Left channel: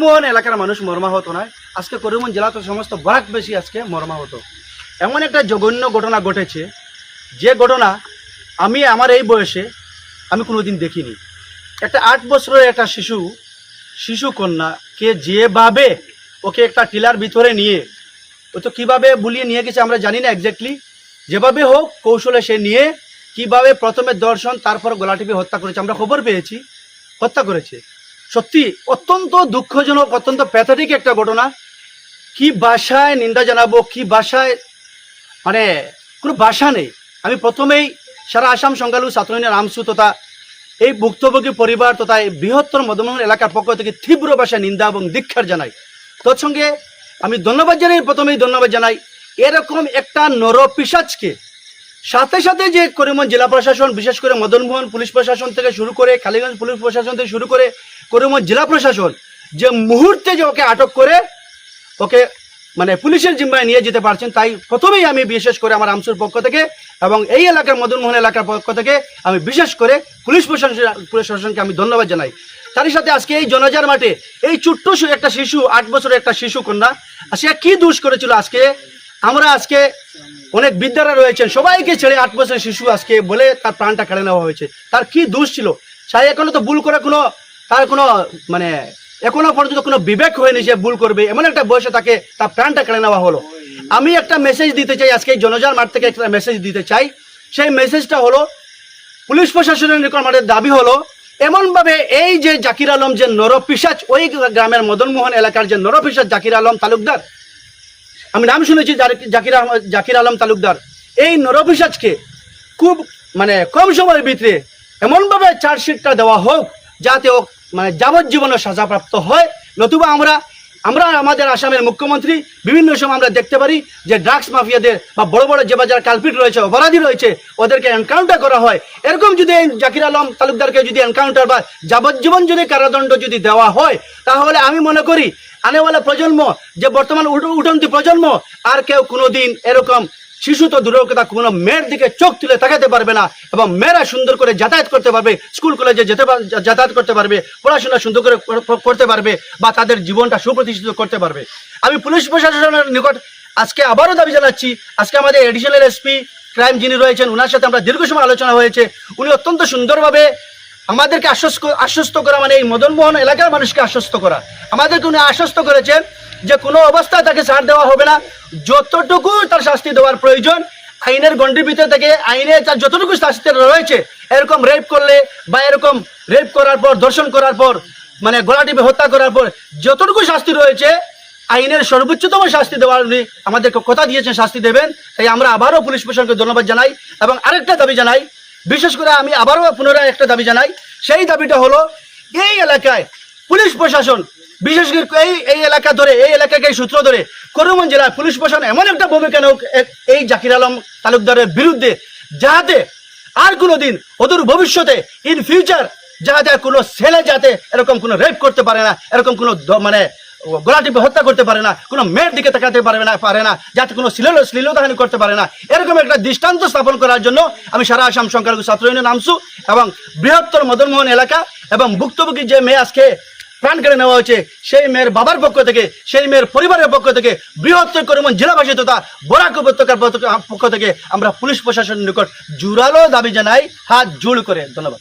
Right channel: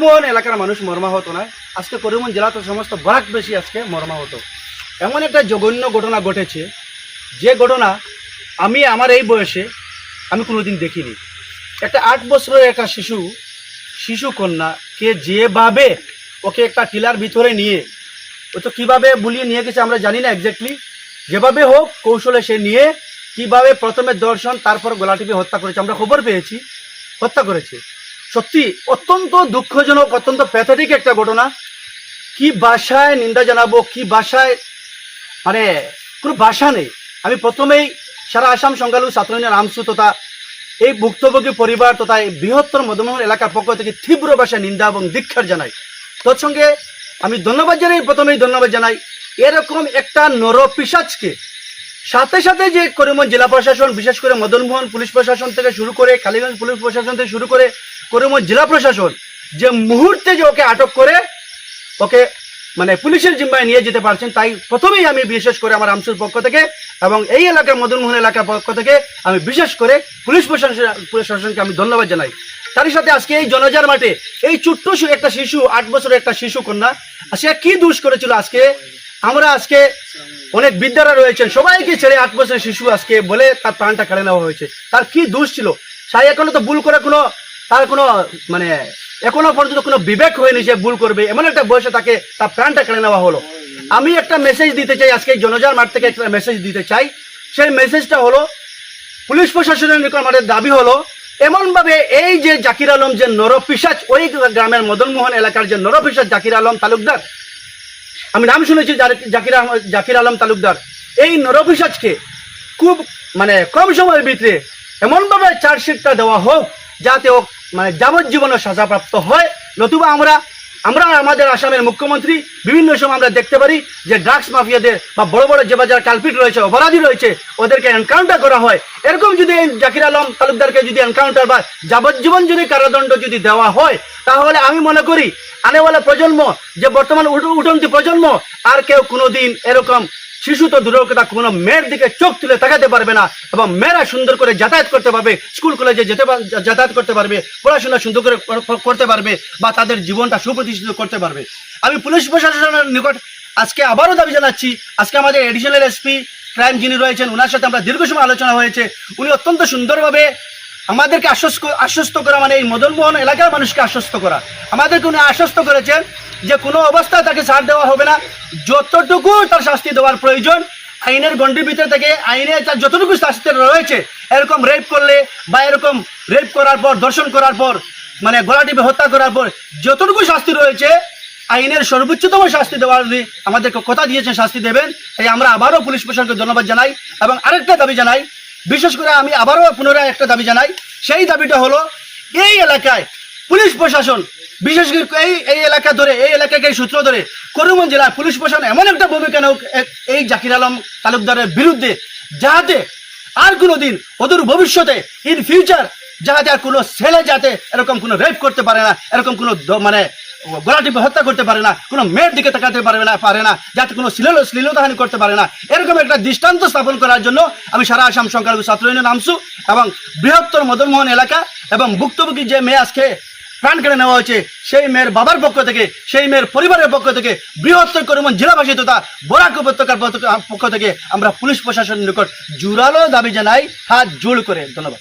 মোহন এলাকার মানুষ মর্মাহত নয়, আজকে করিমগঞ্জ জেলাতে সমস্ত বরাকবাসী আজকে মর্মাহত। এমন একটা জঘন্য ঘটনা ঘটেছে, যে ঘটনা আমি আমার এই বয়সে আমি কোনোদিন দেখিনি। একটা 8 বছরের একটা শিশু কন্যাকে যেভাবে ওকে একটা টিলার ভিতরে নিয়ে ও তো কীভাবে বুলিয়ে নিয়ে গেছে আমরা জানি না এক্স্যাক্টলি, যেভাবে হোক কৌশলে সে নিয়ে কিভাবে প্রথমে দর্শন তারপর গলা টিপে হত্যা করেছে, আমরা খবর পেয়েছি হত্যা করেছে। সত্যি অত্যন্ত দুঃখজনক, অত্যন্ত প্যাথেটিক একটা ঘটনা। কি ভাষায় নিন্দা জানাবো, কি ভাষায়, মানে কোনো ভাষা নেই। আমি প্রথমেই সারা আসাম সংখ্যালঘু ছাত্র ইউনিয়ন আমসু তথা এই ভুক্তভোগী পরিবার তথা এই বৃহত্তর মদনমোহন এলাকার পক্ষ থেকে তীব্র ভাষায় নিন্দা এবং ধিক্কার জানাই। তৎসঙ্গে আমি প্রথমেই ধন্যবাদ জানাই এরকম একটা নরপিশাচকে। সাথে সাথে যে করিমগঞ্জ জেলা প্রশাসন, বিশেষ করে মদনমোহন পুলিশ প্রশাসন থেকে শুরু করে কালীগঞ্জ পুলিশ প্রশাসন থেকে শুরু করে করিমগঞ্জ জেলা প্রশাসন যে মুহূর্তে যে ওকে আটক করে ওকে মানে পুলিশের জিম্মায় নিয়ে যেতে পারছেন, তাই প্রথমেই আমি বিশেষ করে আমার আমসুর পক্ষ থেকে এবং এই এলাকার মদনমোহন এলাকার পক্ষ থেকে আমি বিশেষ করে পুলিশ প্রশাসনকে আমি ধন্যবাদ জানাই। তারই সাথে আজকে এই জনজার মাঠে এই ছোট্ট একটা শিশু, 8 বছরের একটা শিশু কন্যা, সে কি দোষ করেছিল? আজকে অনেক বিদ্যারা রয়েছেন, সবাইকে ছেড়ে 8 বছরের শিশু আজকে বলে তার প্রাণটা কেড়ে নেওয়া হয়েছে। তার কি দোষ ছিল? সাই এখনো তো ভুল করে তার কোনো মানে এখনো পর্যন্ত কোনো বিবেক হয়নি যে ভুল করবে, এমন একটা বয়সে তাকে তার প্রাণটা কেড়ে নেওয়া হলো। আমি একটা মেসেজ দিতে চাই, আজকে জনজার মাঠ থেকে একটা মেসেজ দিতে চাই। সেই মেসেজটা হলো, পুলিশ প্রশাসনের নিকট আমাদের দাবি হলো এমনভাবে এই যে জাকির আলম যে নরপিশাচ, ওই গ্রামের মদনমোহন এলাকার যে নরপিশাচ জাকির আলম তালুকদার, আমি নাম শুনেছি জাকির আলম তালুকদার, এই নরপিশাচকে খুব মানে কম সময়ের ভিতরে এমনভাবে চার্জশিটটা দেওয়া হোক যাতে ও মানে যাবজ্জীবনের সাজাপ্রাপ্ত হয়। নতুবা আমরা আমাদের আসামের মুখ্যমন্ত্রী বিভিন্ন সময় আমরা দেখতে পারি যে ড্রাগস মাফিয়াদের বা বড় বড় যে বাজার কালপিট রয়েছে, অপরাধী রয়েছে, ওদেরকে এনকাউন্টার করা হয়। এরকম যদি জাকির আলম তালুকদারকে যদি এনকাউন্টার বা যাবজ্জীবন যদি কারাদণ্ড যদি দেওয়া হয়, তাহলে আমি মনে করি আনেওয়ালা প্রজন্ম, যে বর্তমান উঠন্তি প্রজন্ম, আর কেউ কোনোদিন এরকম শিশু তো দূরের কথা কোনো মেয়ের দিকে চোখ তুলে তাকাতে পারবে না, এবং মেয়েরা সুন্দর করে যাতায়াত করতে পারবে, স্কুল কলেজে যাতায়াত করতে পারবে, পড়াশোনা সুন্দর করে করতে পারবে, বা তাদের জীবনটা সুপ্রতিষ্ঠিত করতে পারবে। আমি পুলিশ প্রশাসনের নিকট আজকে আবারও দাবি জানাচ্ছি, আজকে আমাদের এডিশনাল এসপি ক্রাইম যিনি রয়েছেন, ওনার সাথে আমরা দীর্ঘ সময় আলোচনা হয়েছে। উনি অত্যন্ত সুন্দরভাবে আমাদেরকে আশ্বস্ত করা, মানে এই মদনমোহন এলাকার মানুষকে আশ্বস্ত করা, আমাদেরকে উনি আশ্বস্ত করেছেন যে কোনো অবস্থায় তাকে ছাড় দেওয়া হবে না, যতটুকু তার শাস্তি দেওয়ার প্রয়োজন আইনের গণ্ডির ভিতরে থেকে আইনে তার যতটুকু শাস্তি রয়েছে, এরকম রেপ করলে বা এরকম রেপ করার পর, ধর্ষণ করার পর, মানে গলা টিপে হত্যা করার পর যতটুকু শাস্তি রয়েছে আইনের সর্বোচ্চতম শাস্তি দেওয়ার আমাদেরকে কথা দিয়েছেন, শাস্তি দেবেন। তাই আমরা আবারও পুলিশ প্রশাসনকে ধন্যবাদ জানাই এবং আরেকটা দাবি জানাই, বিশেষ করে আমি আবারও পুনরায় একটা দাবি জানাই। সেই দাবিটা হলো এই এলাকায় পুলিশ প্রশাসন, বিশেষ করে এই এলাকা ধরে, এই এলাকাকে সূত্র ধরে করিমগঞ্জ জেলার পুলিশ প্রশাসন এমন একটা ভূমিকা নেওক এই জাকির আলম তালুকদারের বিরুদ্ধে, যাতে আর কোনোদিন অদূর ভবিষ্যতে ইন ফিউচার যাতে আর কোনো ছেলে যাতে এরকম কোনো রেপ করতে পারে না, এরকম কোনো মানে গলা টিপে হত্যা করতে পারে না, কোনো মেয়ের দিকে তাকাতে পারে না, যাতে কোনো শ্লীলতাহানি করতে পারে না, এরকম একটা দৃষ্টান্ত স্থাপন করার জন্য আমি সারা আসাম সংখ্যালঘু ছাত্র ইউনিয়ন আমসু এবং বৃহত্তর মদনমোহন এলাকা এবং ভুক্তভোগী যে মেয়ে আজকে প্রাণ কেড়ে নেওয়া হয়েছে, সেই মেয়ের বাবার পক্ষ থেকে, সেই মেয়ের পরিবারের পক্ষ থেকে, বৃহত্তর করিমগঞ্জ জেলাবাসী তথা বরাক উপত্যকার পক্ষ থেকে আমরা পুলিশ প্রশাসনের নিকট জোরালো দাবি জানাই, হাত জোড় করে। ধন্যবাদ।